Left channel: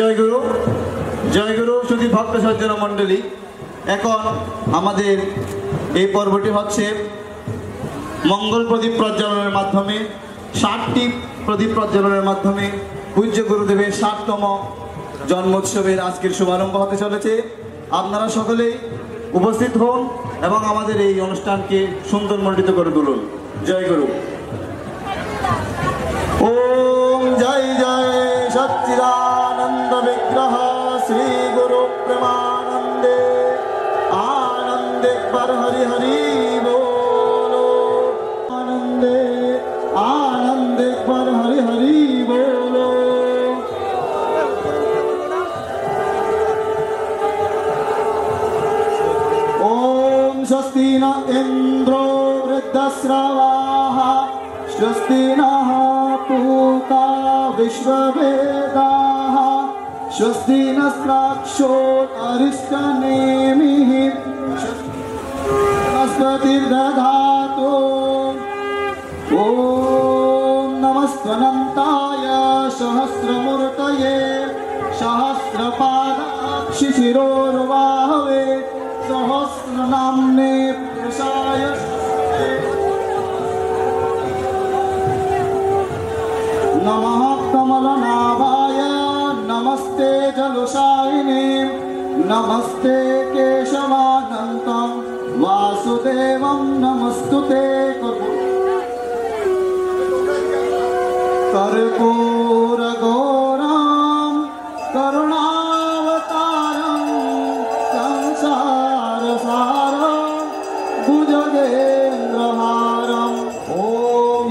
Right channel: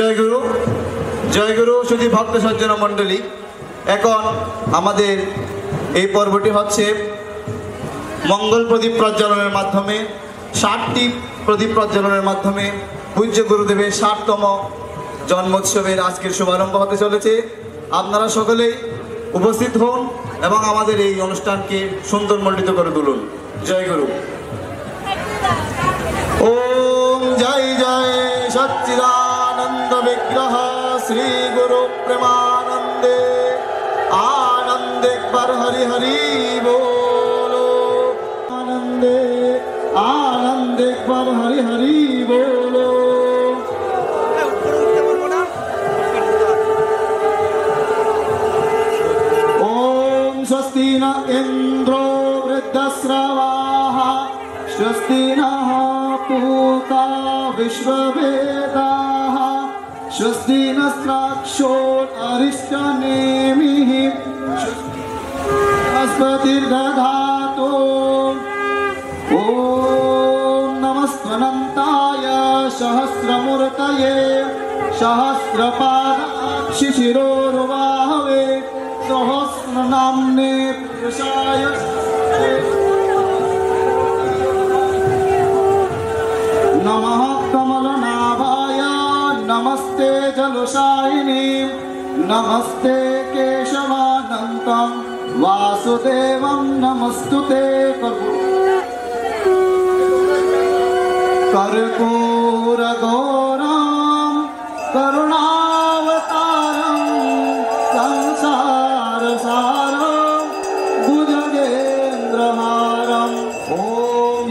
জয় গুরু শুধু ভক্ত সজ্জন মণ্ডলী। এখন আমাদের এই পর্বটি হচ্ছে মঙ্গল প্রদীপ প্রজ্বলনের মাধ্যমে 60টি প্রদীপ প্রজ্বলনের মাধ্যমে পূজ্য গুরুদেবের 60তম জন্মোৎসবের আজকের শুভারম্ভ হতে চলেছে। আপনারা সকলেই উপস্থিত হন এবং আমাদের এই অনুষ্ঠানকে সুন্দর মণ্ডিত করে তুলুন। জয় গুরু। ओम जय जय सच्चिदानंद विग्रह श्री गुरु प्रेमानंदे आनंदे पर हरि हरि बोलो। आनंदे पर हरि हरि बोलो। ओम स्वस्ति न इंद्रो वृद्धश्रवाः स्वस्ति नः पूता विश्ववेदाः स्वस्ति नस्त्राक्षो अरिष्टनेमिः स्वस्तिर्दधातु। ॐ नमस्त्वनन्ताय सहस्रमूर्तये सहस्रपादाक्षिशिरोर्बाहवे सहस्रनाम्ने पुरुषाय नमः कमलनाभाय नमस्ते जलशायिने नमस्ते केशवानन्तं वासुदेवं नमस्तुते कर्पूरगौरं करुणावतारं संसारसारं भुजगेन्द्रहारं ॐ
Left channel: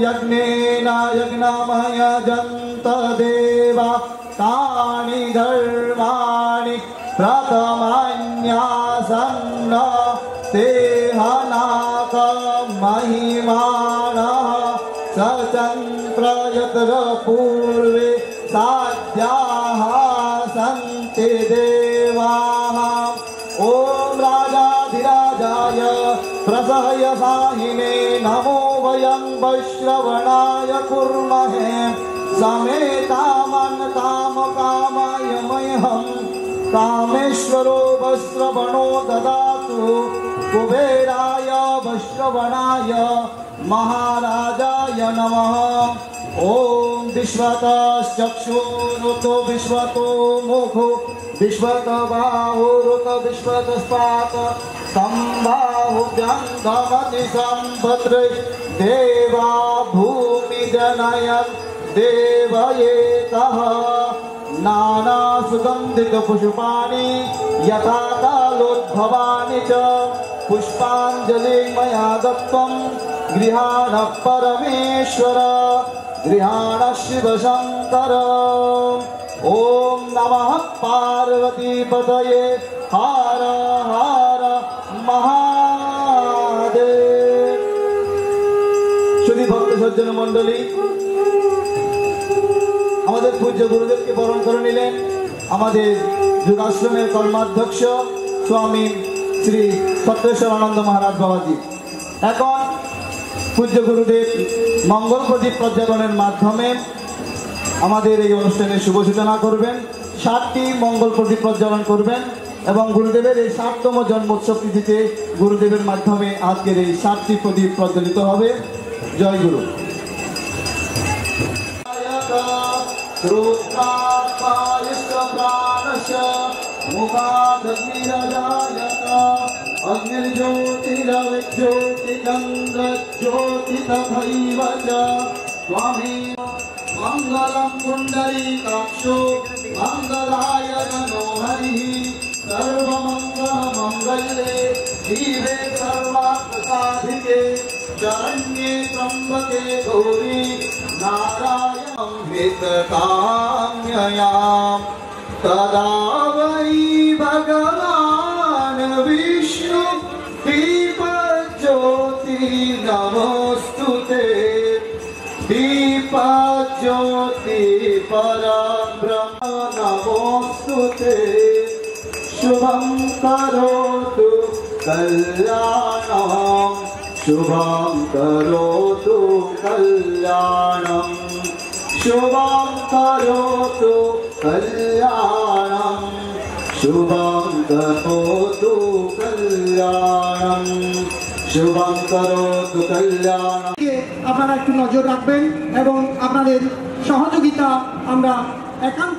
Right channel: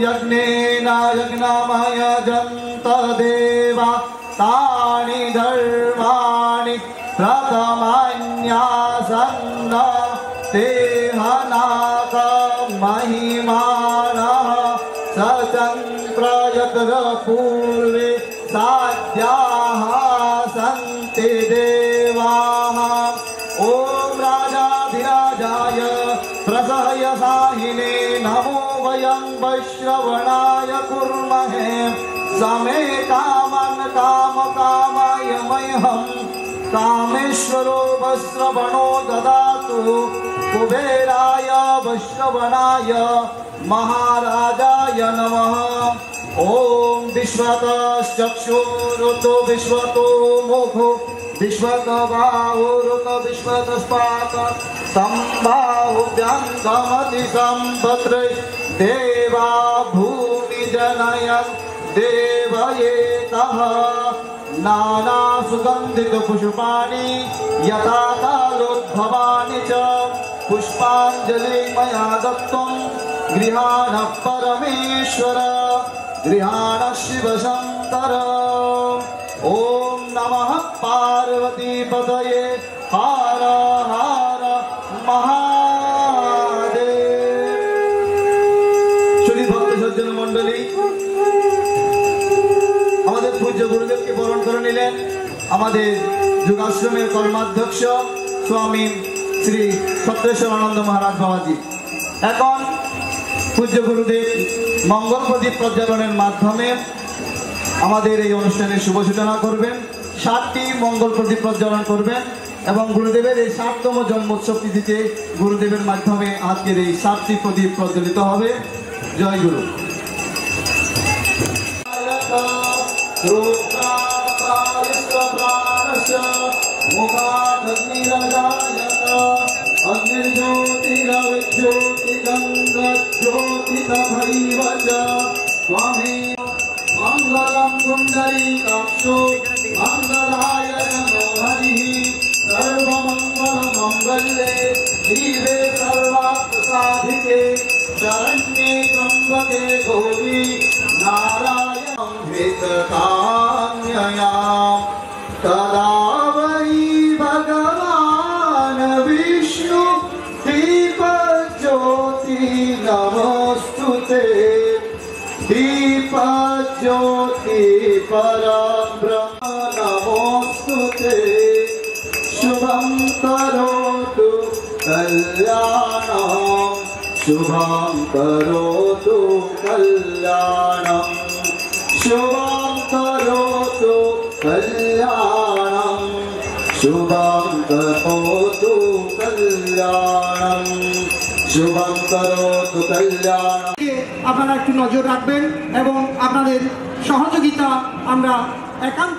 यज्ञेन यज्ञमय जन्त देवा तानि धर्माणि प्रथमन्यासन्न तेहनाक महिमानः सचन्द्र यत्र पूर्वे साध्याः सन्ति देवाः। ॐ राजाधिराजाय प्रसह्यसाहिने नमो वयं वैश्रवणाय कुर्महे समे कामन् कामकामाय मह्यं कामेश्वरो वैश्रवणो ददातु कुबेराय वैश्रवणाय महाराजाय नमः। ॐ विश्वतश्चक्षुरुतो विश्वतो मुखो विश्वतबाहुरुत विश्वतस्पात सम्बाहुभ्यङ्गमति सम्भद्रे देवा भूमि जनय देवयेतः नाना सुगन्धित पुष्पाणि यथा कालोद्भवानि च पुष्पाञ्जलि मया दत्तं गृहाण परमेश्वर गृहाण शिव शंकर। ॐ नमः पार्वती पतये हर हर महादेव। श्री भक्त सज्जन मंडली আমাদের পূজ্য গুরুদেবকে বরণ করে নিলেন আমাদের যোগাশ্রমের কর্মাধ্যক্ষ স্বামী শ্রী সত্যেশ্বরানন্দ মহারাজ বাবাজি। এখন পূজ্য গুরুদেব মঙ্গল প্রদীপ প্রজ্বলনের মাধ্যমে আমাদের এই অনুষ্ঠানের শুভ সূচনা করবেন। 60টি মঙ্গল প্রদীপ প্রজ্বলন করবেন এবং গুরুদেবের এই 60তম জন্মোৎসব তিথিতে গুরুদেবের মাধ্যমে আজকের এই 60টি প্রদীপ প্রজ্বলিত হবে। জয় গুরু। मंगलम पुंडरीकाक्षो मंगलाय नमो हरिः सर्वमंगल मंगले शिवे सर्वार्थसाधिके शरण्ये त्र्यंबके गौरी नारायणं हितकाम्ययां तदा वै भगवान् विष्णु दीपज्योति नमोस्तुते दीपज्योति परब्रह्म नमोस्तुते शुभं करोतु कल्याणं शुभं करोतु कल्याणं शुभं करोतु कल्याणं। शुभं करोतु कल्याणं शुभं करोतु कल्याणं। আপনারা একটু নজর রাখবেন এবং আপনাদের সহযোগিতা আমরা একান্ত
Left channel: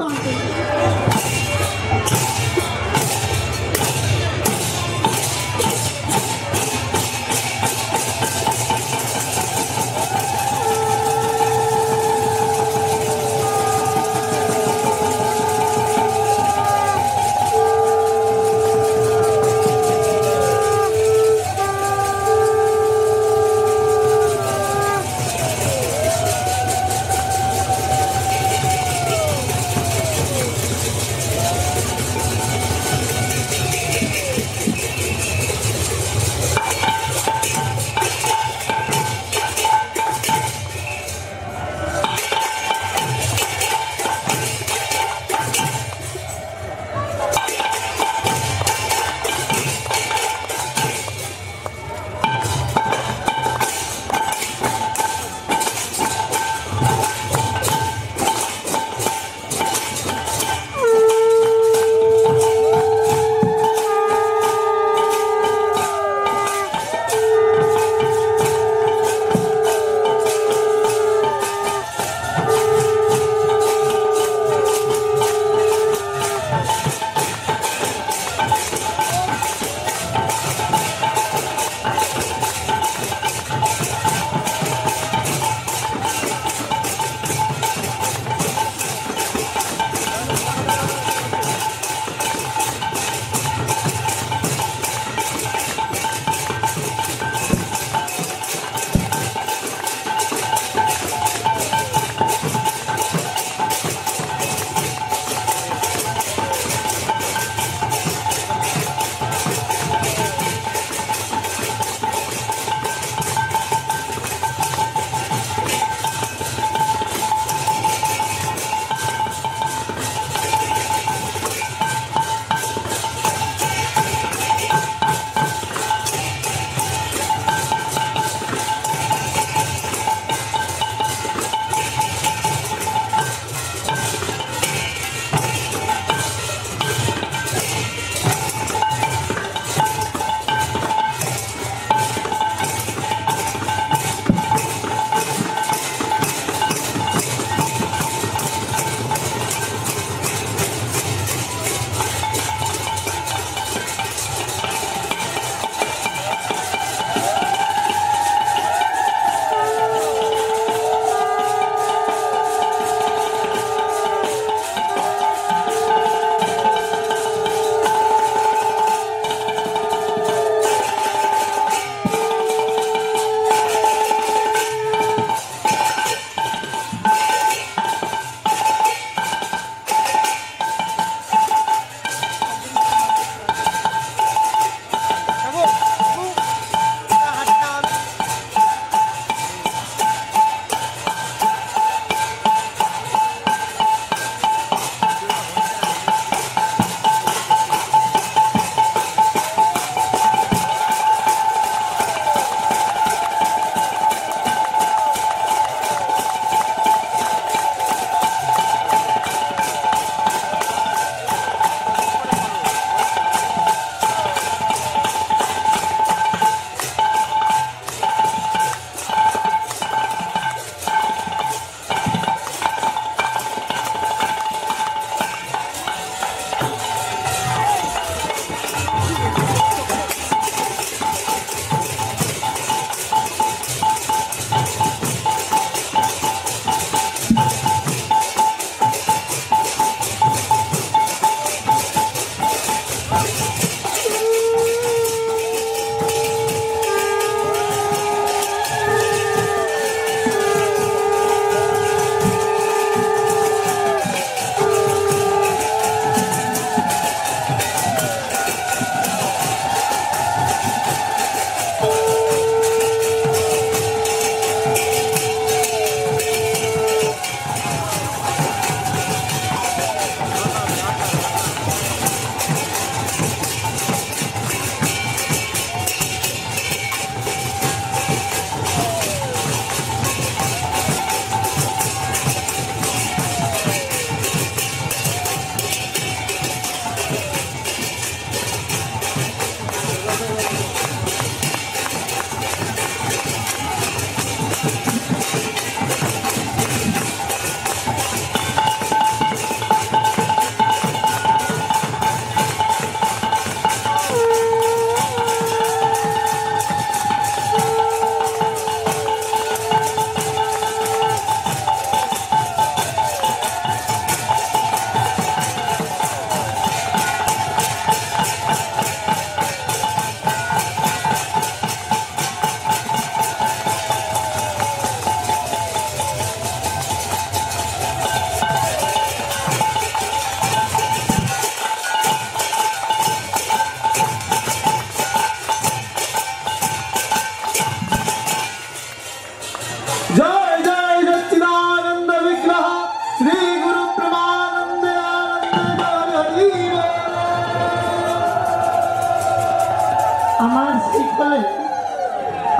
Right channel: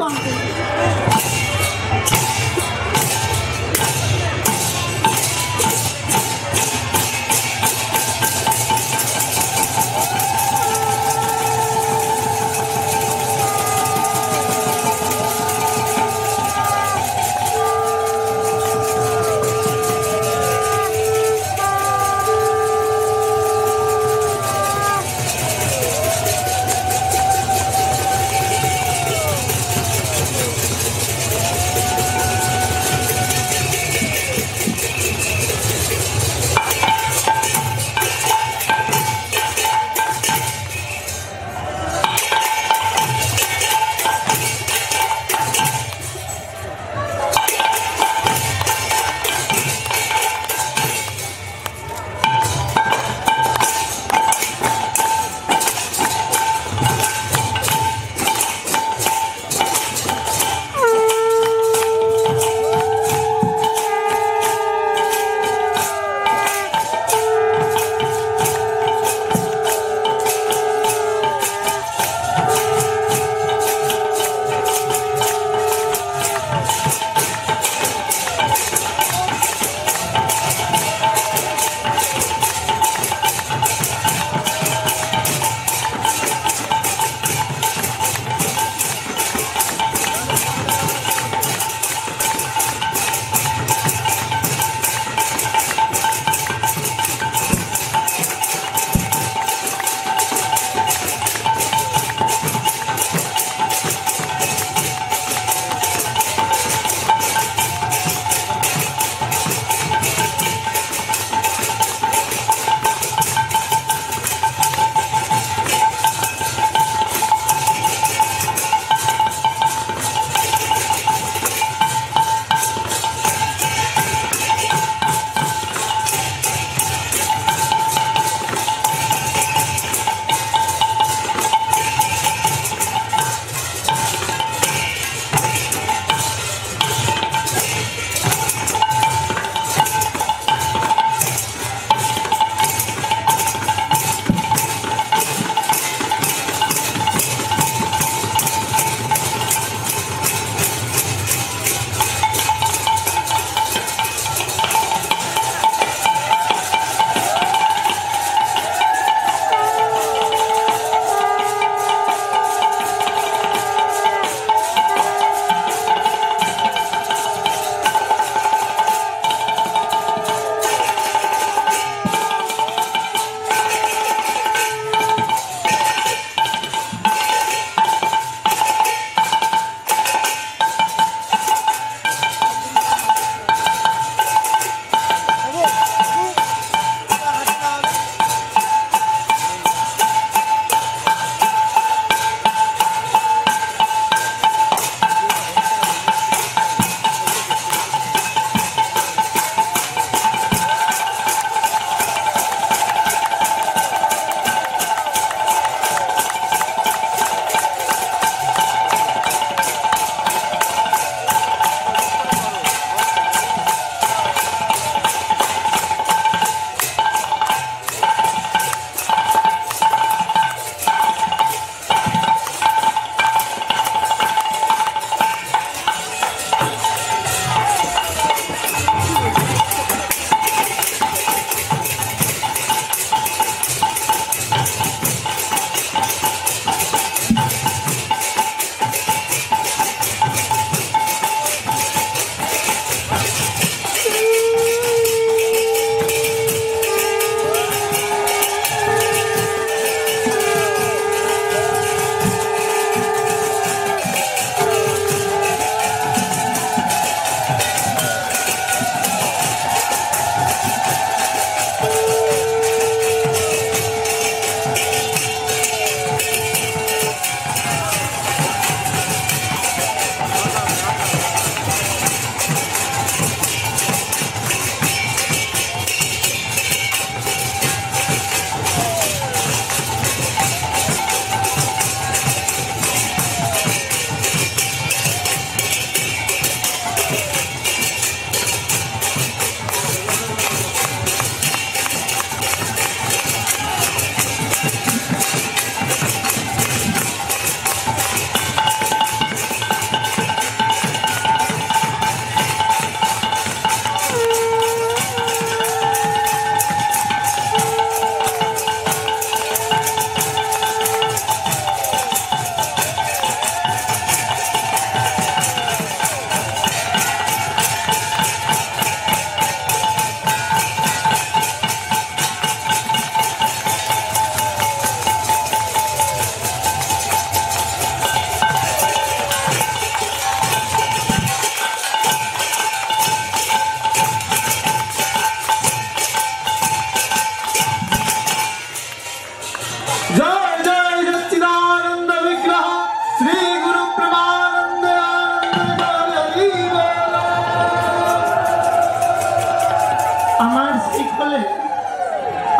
শিখলে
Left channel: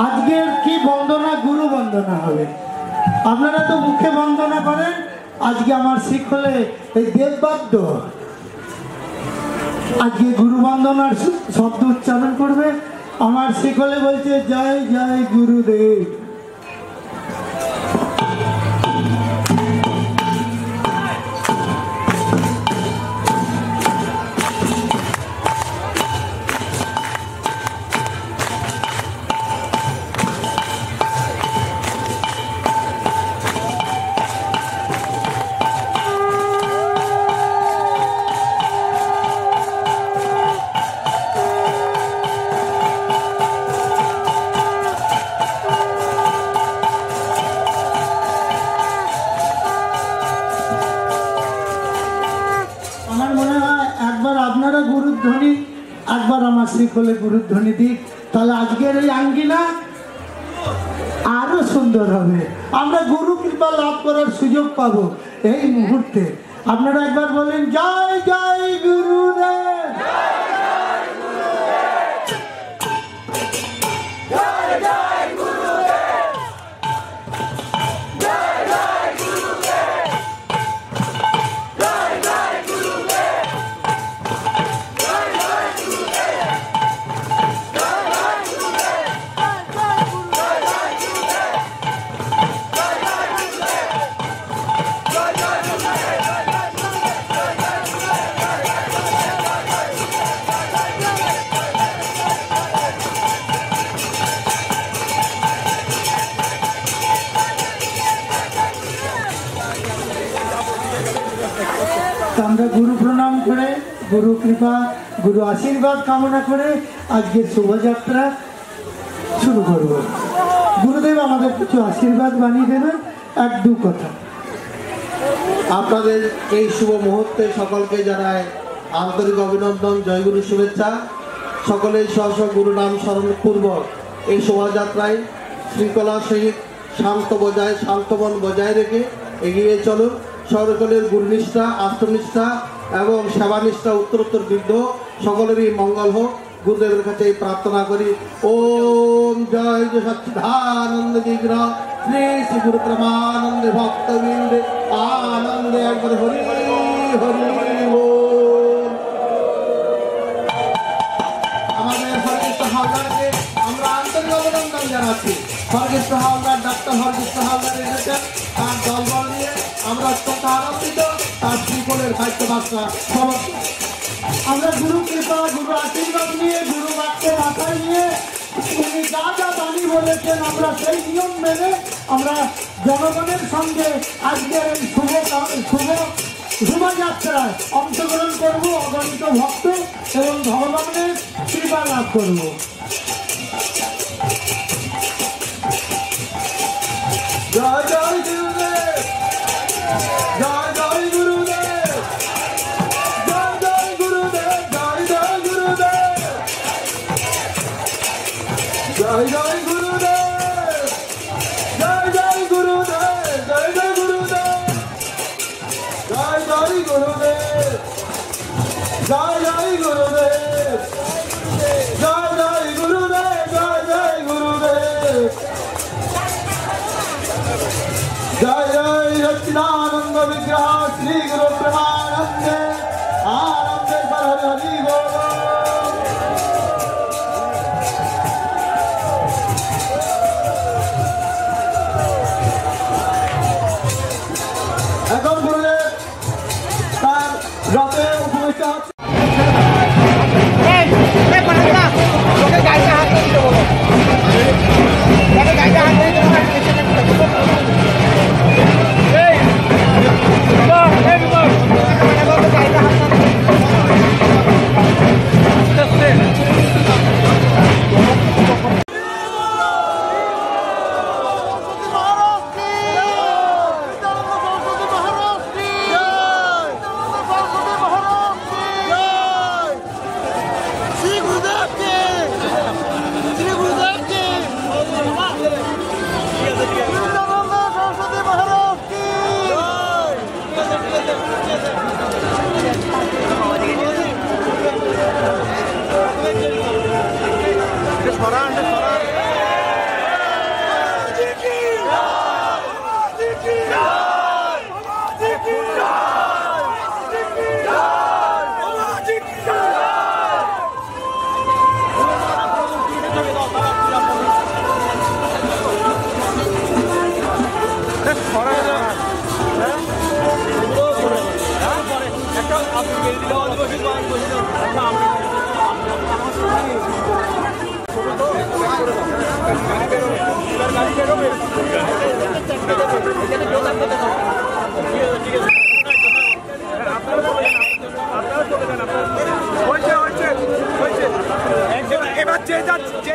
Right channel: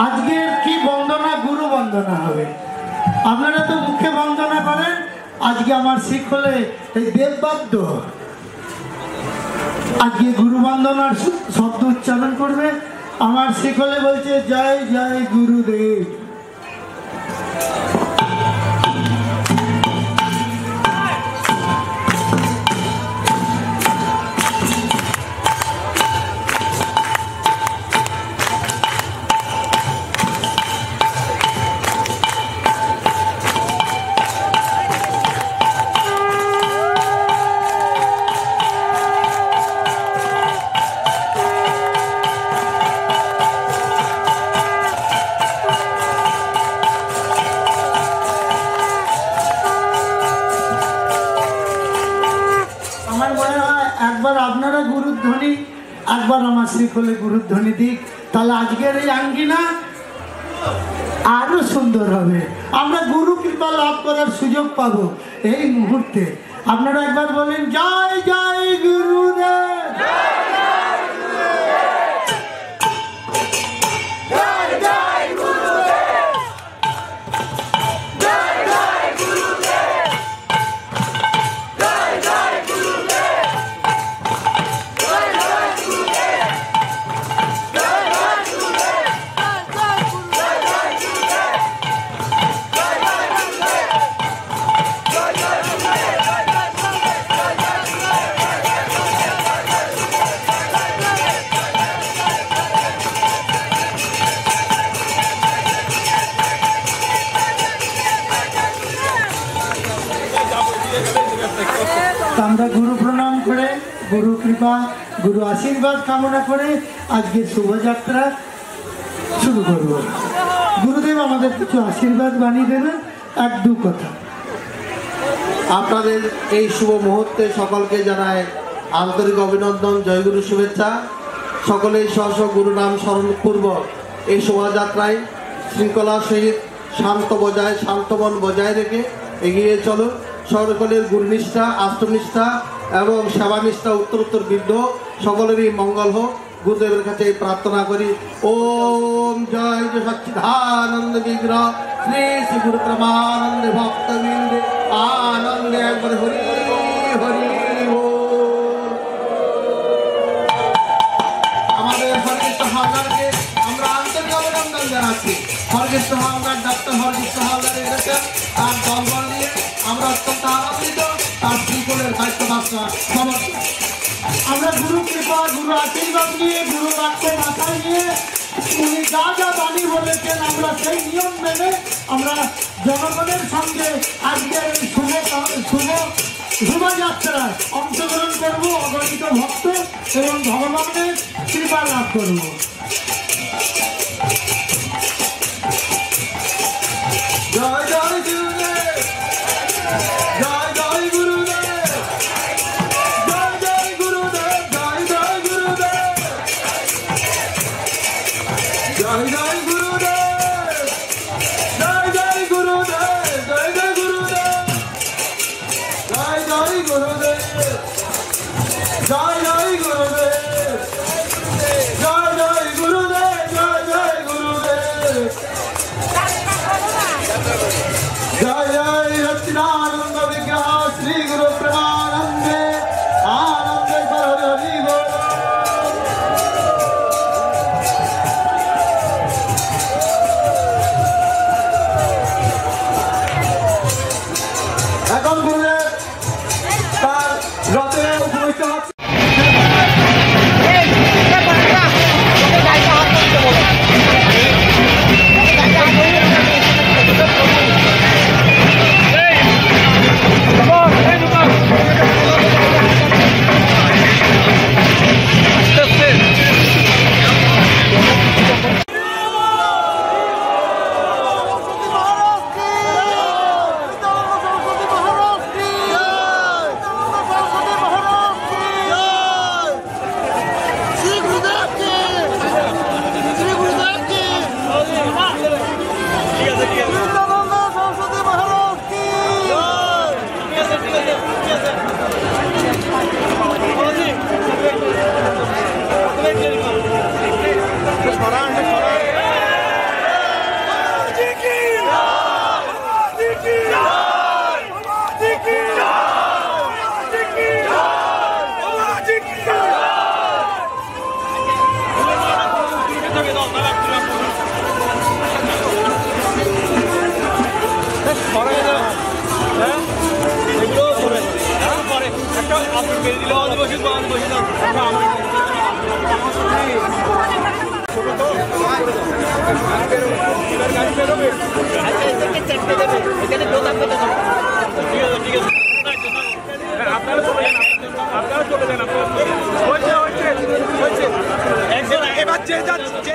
আজকে কি বন্দনা, গুরু বন্দনা হবে। আপনারা তো মুখে বন্দনা করেন, আজকে আমার শিখলে এই দেববাদ্য আজকে গুরু বন্দনার শব্দ উচ্চারণ করবে। আমার শিখলে বলছে জয় জয় গুরুদেব। শিখলে গুরুধ্বনি দিক, তাহলে আজকের এই আঙ্গিনা আরো সুন্দর হবে। আমরা গুরু কৃপা লাভ করার সুযোগ পাবো এই মুহূর্তে। আপনারা একবার বলেন জয় জয় গুরুদেব। আমরা গুরু প্রণাম করে, গুরু কৃপা, গুরু আশীর্বাদ কামনা করে আজকের শোভাযাত্রা শুরু করব। গুরুদেব আমাদের কিছু আশীর্বাদ বানিয়ে দেবেন, এক দু কথা। আপনাদের এই শুভ মুহূর্তে সকলকে জানায় আন্তরিক অভিনন্দন, জয়গুরু শুভেচ্ছা। সকলেই স্ব গুরু নাম স্মরণপূর্বক এই শোভাযাত্রায় শৃঙ্খলার সহিত শান্তমন বজায় রেখে এগিয়ে চলুন। সকলের গুরুনিষ্ঠা, আত্মনিষ্ঠা এবং সেবানিষ্ঠা উত্তরোত্তর বৃদ্ধ, সকলেরই মঙ্গল হোক। গুরুদেবের কাছে প্রার্থনা করি। ওম জয় সচ্চিদানন্দ বিগ্রহ শ্রী শ্রী গুরু প্রেমানন্দ ভক্তবৃন্দ আনন্দে একবার হরি হরি বল। আমাদের সর্বশ্রেষ্ঠ হালদারকে আমরা আন্তরিক অভিনন্দন জানাচ্ছি। সর্বশ্রেষ্ঠ হালদার ডাক্তার সর্বশ্রেষ্ঠ হালদার এসেছেন তার দলবল নিয়ে। আমরা অত্যন্ত আনন্দিত। তার শ্রীকোলের দায়িত্বদাতা সমর্থন। আমরা গুরু কৃপা, গুরু আশীর্বাদ নিয়ে, গুরু বাক্য মাথায় নিয়ে উনি যা যা বাণী বলেছেন আমরা সেই নিয়ম মেনে আমরা জনগণের সঙ্গে আজকের এই শোভাযাত্রায় অংশগ্রহণ করবো। অগণিত ভক্ত এবং ভগবানের কৃপা লাভ করবো। জয় জয় গুরুদেব, জয় জয় গুরুদেব, জয় জয় গুরুদেব, জয় জয় গুরুদেব, জয় জয় গুরুদেব, জয় জয় গুরুদেব, জয় জয় গুরুদেব, জয় জয় গুরুদেব, জয় জয় গুরুদেব, জয় জয় গুরুদেব, জয় জয় গুরুদেব, জয় জয় সচ্চিদানন্দ বিগ্রহ শ্রী গুরু প্রেমানন্দে আনন্দে হরি বল। এবার যে যাচ্ছে